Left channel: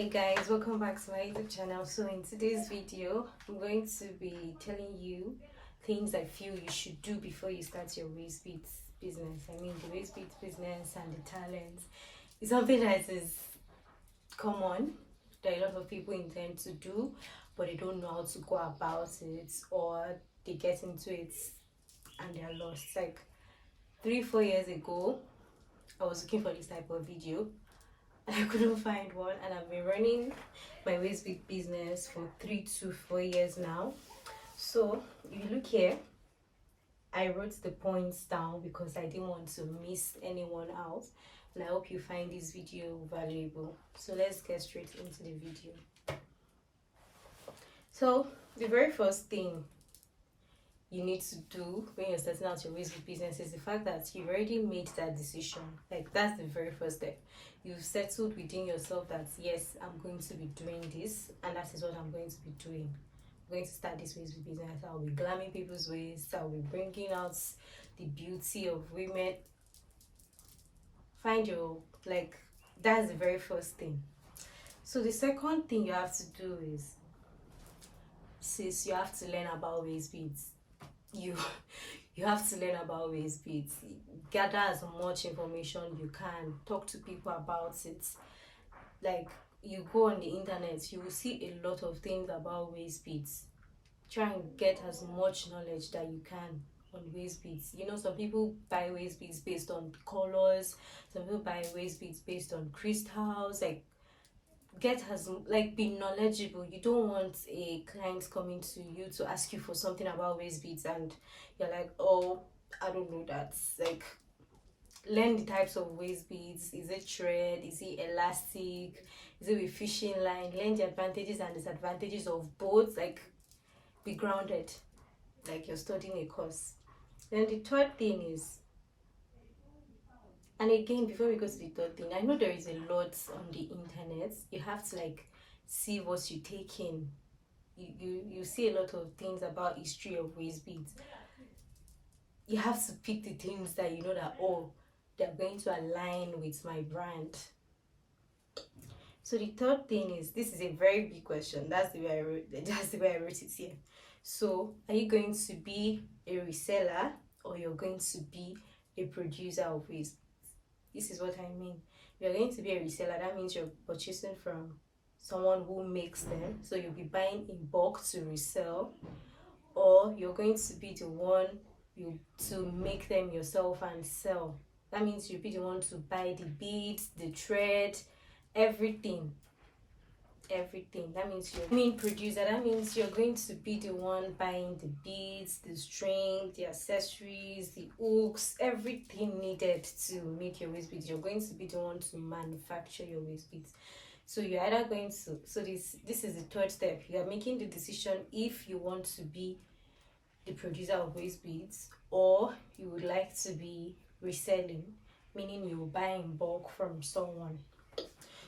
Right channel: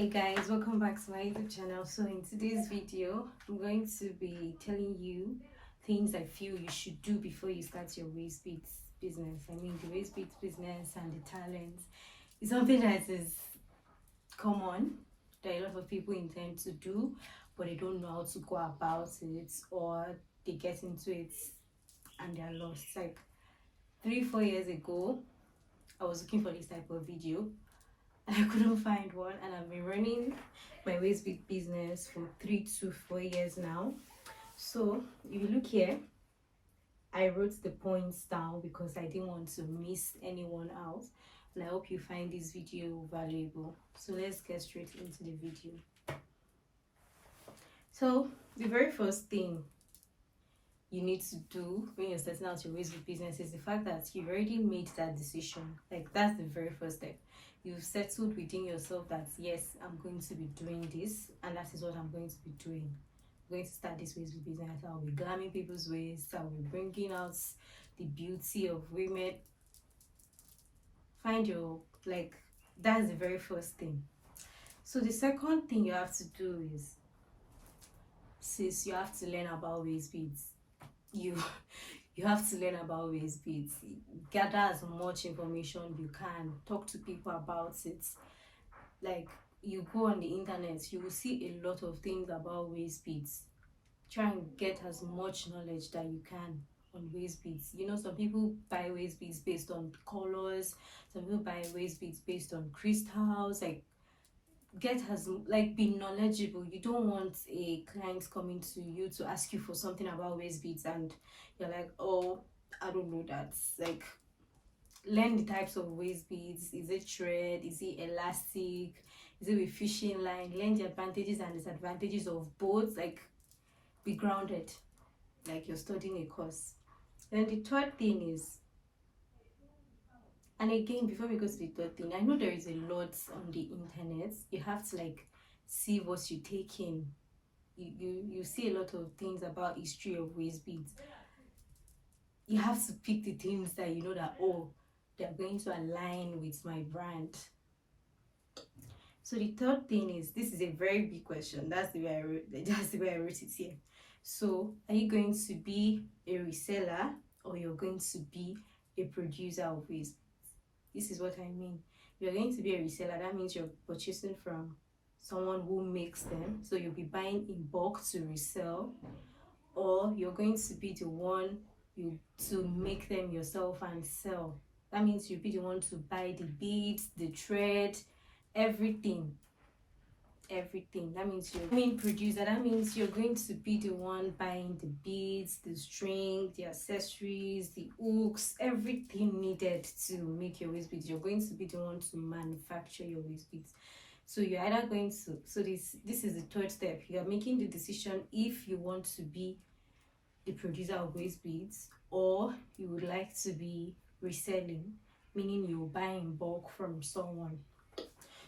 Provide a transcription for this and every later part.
Hey guys, welcome back to my YouTube channel. So in today's video, I'm going to be telling you things I feel you should do before you start your Waistbeads business. I mean, the Waistbeads business and the talents is something that is common that a lot of people intend to do, but they don't know how to go about it, or they get into it and they're lost. Like 3-4 years ago, I was looking for this type of video. I couldn't find one, and I've been running my Waistbead business for 3 to 4 years now. So if you look here, I wrote the points down because I didn't want to miss anyone out, and I hope you find this video valuable. So let's get straight into the video. So the very first thing you need to do when you're starting out your Waistbead business is the fact that you've already made that decision. Like, that's the very first step. You've settled within yourself that yes, I'm going to be doing this, and that is what I'm going to be doing. I'm going to start this Waistbead business. I'll be glamming people's waists. I'll be bringing out the beauty of women. Find your, like, that's the very first thing. So the second thing you have to do is, sis, you have to learn about Waistbeads. You have to learn about Waistbeads. Gather as much information you can. Talk to people about it. Like, you go on the internet, you will see a lot of things about Waistbeads. Try and get as much knowledge that you can on Waistbeads. You know, some people buy Waistbeads based on colors. Some people buy Waistbeads based on crystals. Like, be knowledgeable. You don't want a client coming to you to ask you for something about Waistbeads and you're like, oh, I don't know that. Like, learn the types of Waistbeads. Is it thread? Is it elastic? Is it with fishing line? Learn the advantages and disadvantages of both. Like, be grounded, like you're studying a course. Then the third thing is, and again, before we go to the third thing, I know there is a lot on the internet. You have to like see what you take in. You see a lot of things about history of Waistbeads. You have to pick the things that you know that, oh, they're going to align with my brand. So the third thing is, this is a very big question. That's the way I wrote it here. So are you going to be a reseller or you're going to be a producer of Waistbeads? This is what I mean. You're going to be a reseller. That means you're purchasing from someone who makes them. So you'll be buying in bulk to resell. Or you're going to be the one to make them yourself and sell. That means you'll be the one to buy the beads, the thread, everything. That means you're producer. That means you're going to be the one buying the beads, the string, the accessories, the hooks, everything needed to make your Waistbeads. You're going to be the one to manufacture your Waistbeads. So you're either going to, so this is the third step. You are making the decision if you want to be the producer of Waistbeads or you would like to be reselling, meaning you buy in bulk from someone.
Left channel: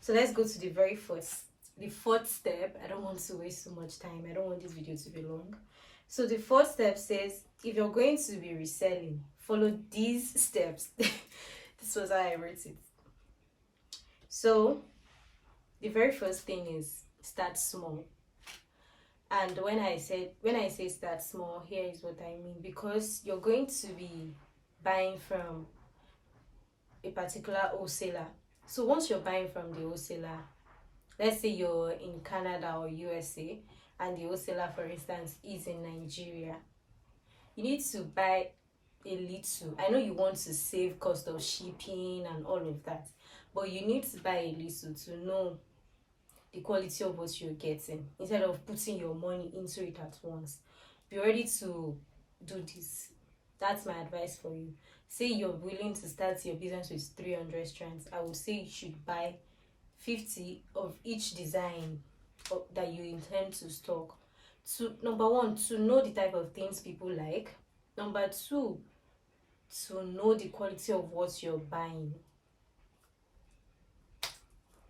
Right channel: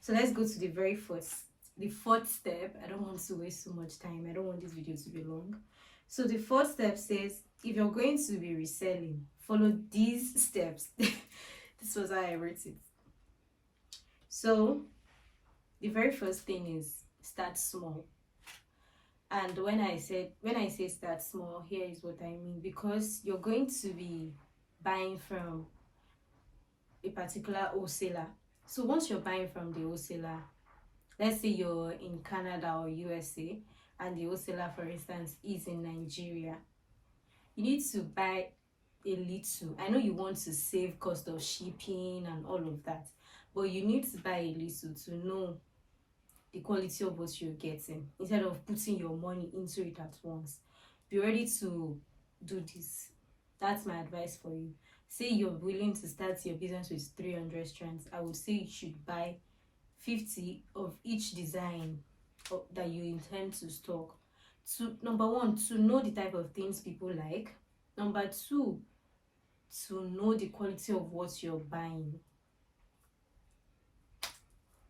So let's go to the fourth step. I don't want to waste so much time. I don't want this video to be long. So the fourth step says, if you're going to be reselling, follow these steps. This was how I wrote it. So the very first thing is start small. And when I say start small, here is what I mean. Because you're going to be buying from a particular wholesaler. So once you're buying from the wholesaler, let's say you're in Canada or USA and the wholesaler, for instance, is in Nigeria, you need to buy a little. I know you want to save cost of shipping and all of that, but you need to buy a little to know the quality of what you're getting instead of putting your money into it at once. Be ready to do this. That's my advice for you. Say you're willing to start your business with 300 strands. I would say you should buy 50 of each design that you intend to stock. Number one, to know the type of things people like. Number two, to know the quality of what you're buying.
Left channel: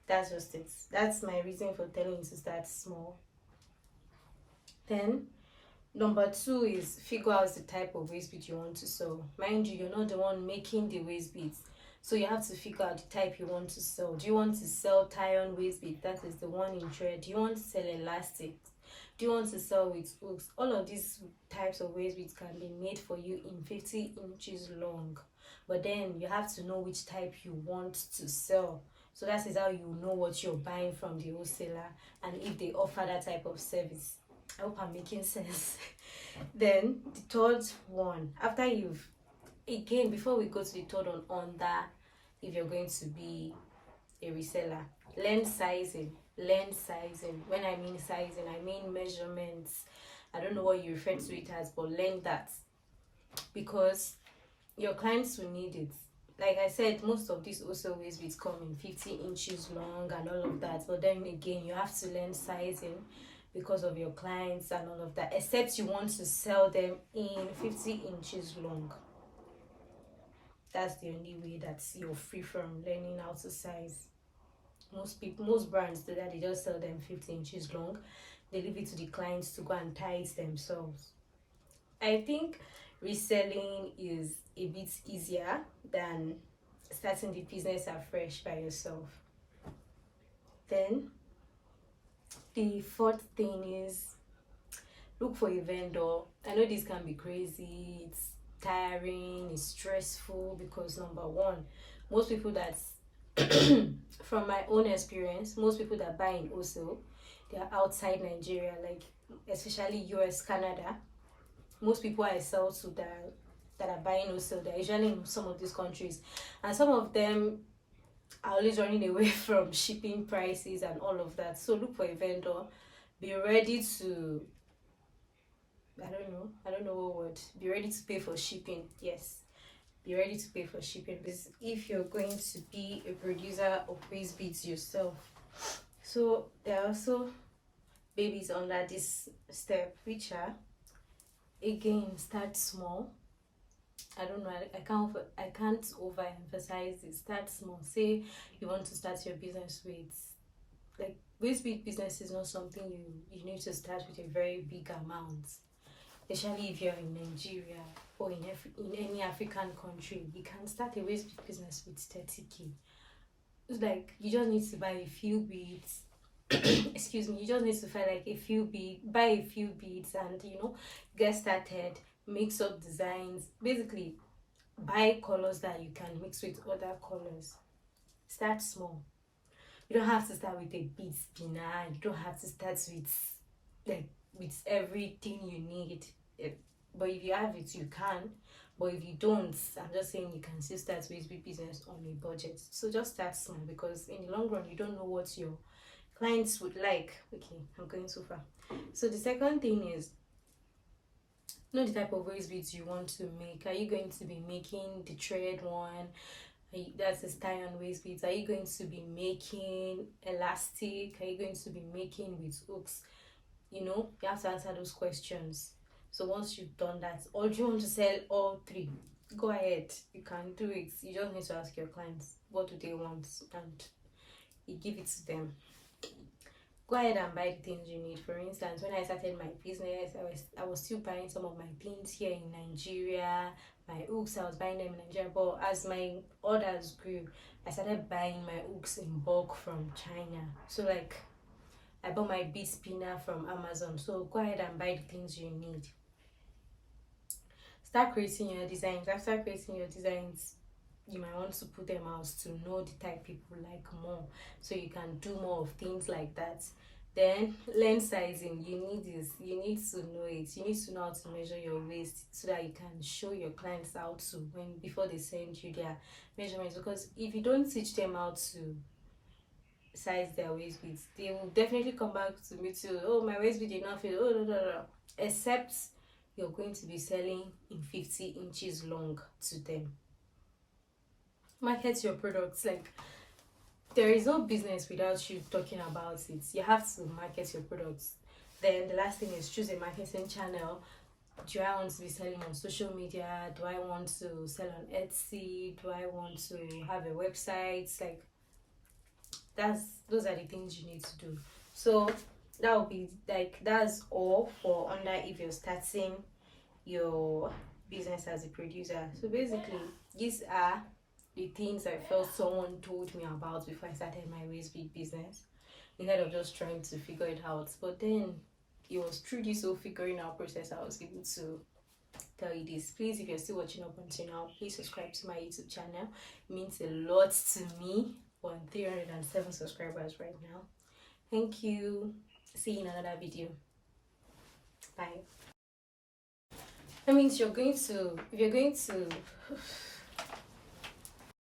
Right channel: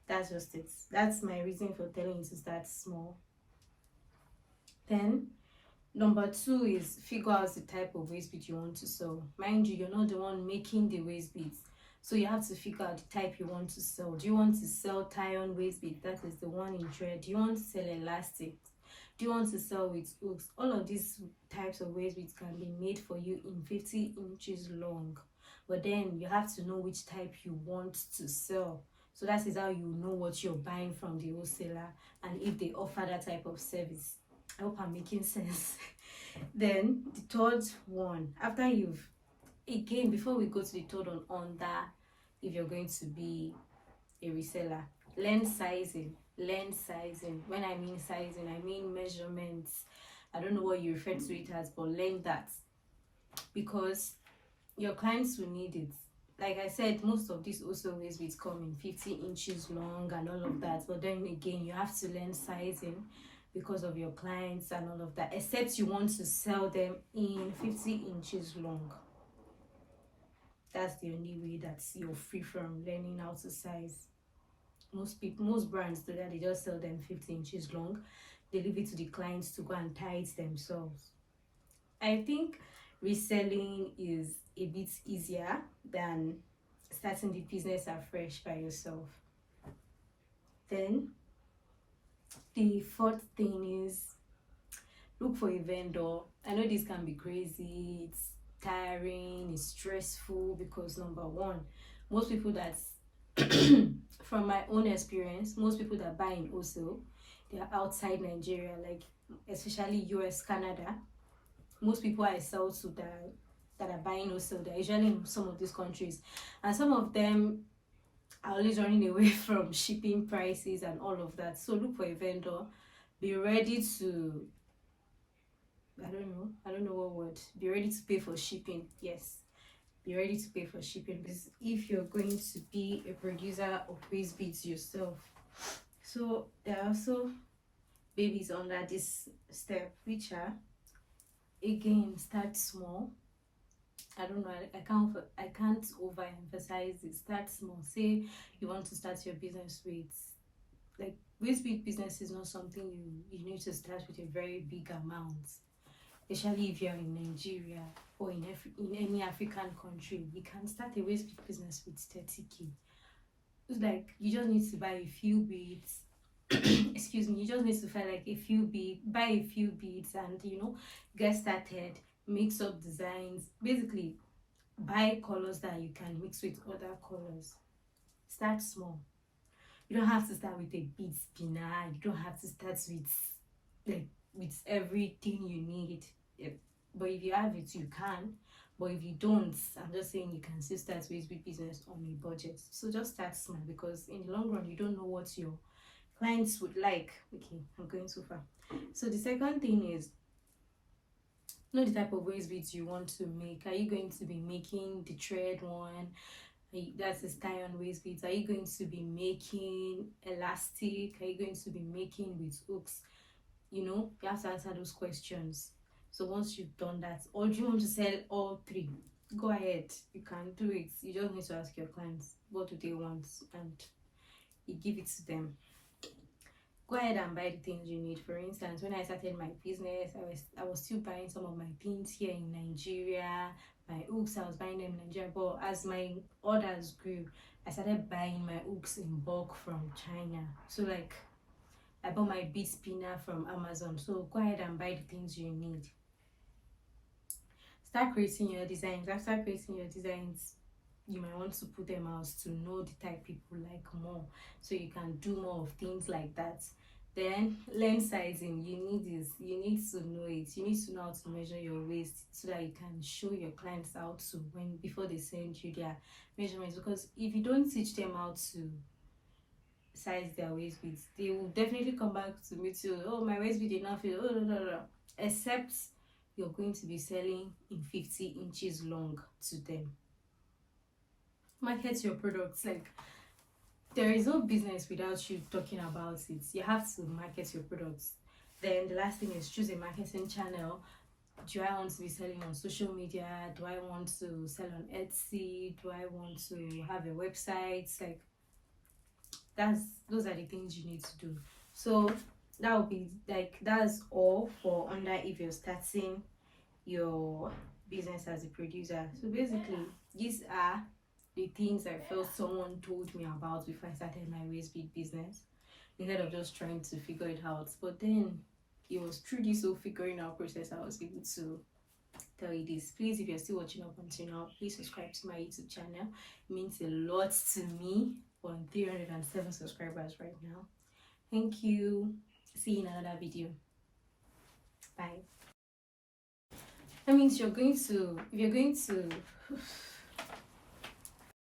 That's just it. That's my reason for telling you to start small. Then number two is figure out the type of Waistbead you want to sell. Mind you, you're not the one making the Waistbeads. So you have to figure out the type you want to sell. Do you want to sell tie-on waist bead, that is the one in thread? Do you want to sell elastic? Do you want to sell with hooks? All of these types of waist beads can be made for you in 50 inches long, but then you have to know which type you want to sell. So that is how you know what you're buying from the wholesaler and if they offer that type of service. I hope I'm making sense. Then the third one, after you've, again, before we go to the third one, on that, if you're going to be a reseller, learn sizing. Learn sizing. When I mean sizing, I mean measurements. I don't know what you refer to it as, but learn that, because your clients will need it. Like I said, most of these also waist beads come in 50 inches long and all of that, but then again, you have to learn sizing because of your clients and all of that, except you want to sell them in 50 inches long. That's the only way that you're free from learning how to size. Most brands do that. They just sell them 50 inches long. They leave it to the clients to go and tie it themselves. I think reselling is a bit easier than starting the business afresh by yourself. Then the fourth thing is look for a vendor. I know this can be crazy, it's tiring, it's stressful, because number one, most people that from my own experience, most people that buy in wholesale, they are outside Nigeria, like especially US, Canada. Most people I sell to that are buying wholesale, they're usually in some of these countries, and some of them are always running away from shipping prices and all of that. So look for a vendor. Be ready to, I don't know what word. Be ready to pay for shipping. Yes, be ready to pay for shipping, because if you're going to be a producer of waist beads yourself. So there are also babies under this step, which are, again, start small. I don't know, I can't overemphasize it. Start small. Say you want to start your business with, like, waist bead business is not something you need to start with a very big amount, especially if you're in Nigeria or in any African country. You can start a waist bead business with 30k. It's like you just need to buy a few beads. Excuse me, you just need to buy like a few beads, and get started, mix up designs, basically buy colors that you can mix with other colors. Start small. You don't have to start with a bead spinner. You don't have to start with everything you need. But if you have it, you can. But if you don't, I'm just saying you can still start waist bead business on a budget. So just start small, because in the long run, you don't know what your clients would like. Okay, I'm going too far. So the second thing is, know the type of waist beads you want to make. Are you going to be making the thread one? That's a tie-on waist beads. Are you going to be making elastic? Are you going to be making with hooks? You have to answer those questions. So once you've done that, or do you want to sell all three? Go ahead, you can do it. You just need to ask your clients what do they want, and you give it to them. Go ahead and buy the things you need. For instance, when I started my business, I was still buying some of my pins here in Nigeria. My hooks, I was buying them in Nigeria, but as my orders grew, I started buying my hooks in bulk from China. So like, I bought my bead spinner from Amazon. So go ahead and buy the things you need. Start creating your designs. After creating your designs, you might want to put them out to know the type people like more, so you can do more of things like that. Then learn sizing. You need to know it. You need to know how to measure your waist, so that you can show your clients how to, before they send you their measurements. Because if you don't teach them how to size their waist beads, they will definitely come back to me too. Oh, my waist bead did not fit. Oh, no. Except you're going to be selling in 50 inches long to them. Market your products. Like, there is no business without you talking about it. You have to market your products. Then the last thing is choose a marketing channel. Do I want to be selling on social media? Do I want to sell on Etsy? Do I want to have a website? Like, those are the things you need to do. So that will be like, that's all for under if you're starting your business as a producer. So basically, these are the things I felt someone told me about before I started my waistbead business, instead of just trying to figure it out. But then it was through this whole figuring out process I was able to tell you this. Please, if you're still watching up until now, please subscribe to my YouTube channel. It means a lot to me. We're on 307 subscribers right now. Thank you. See you in another video. Bye. That means if you're going to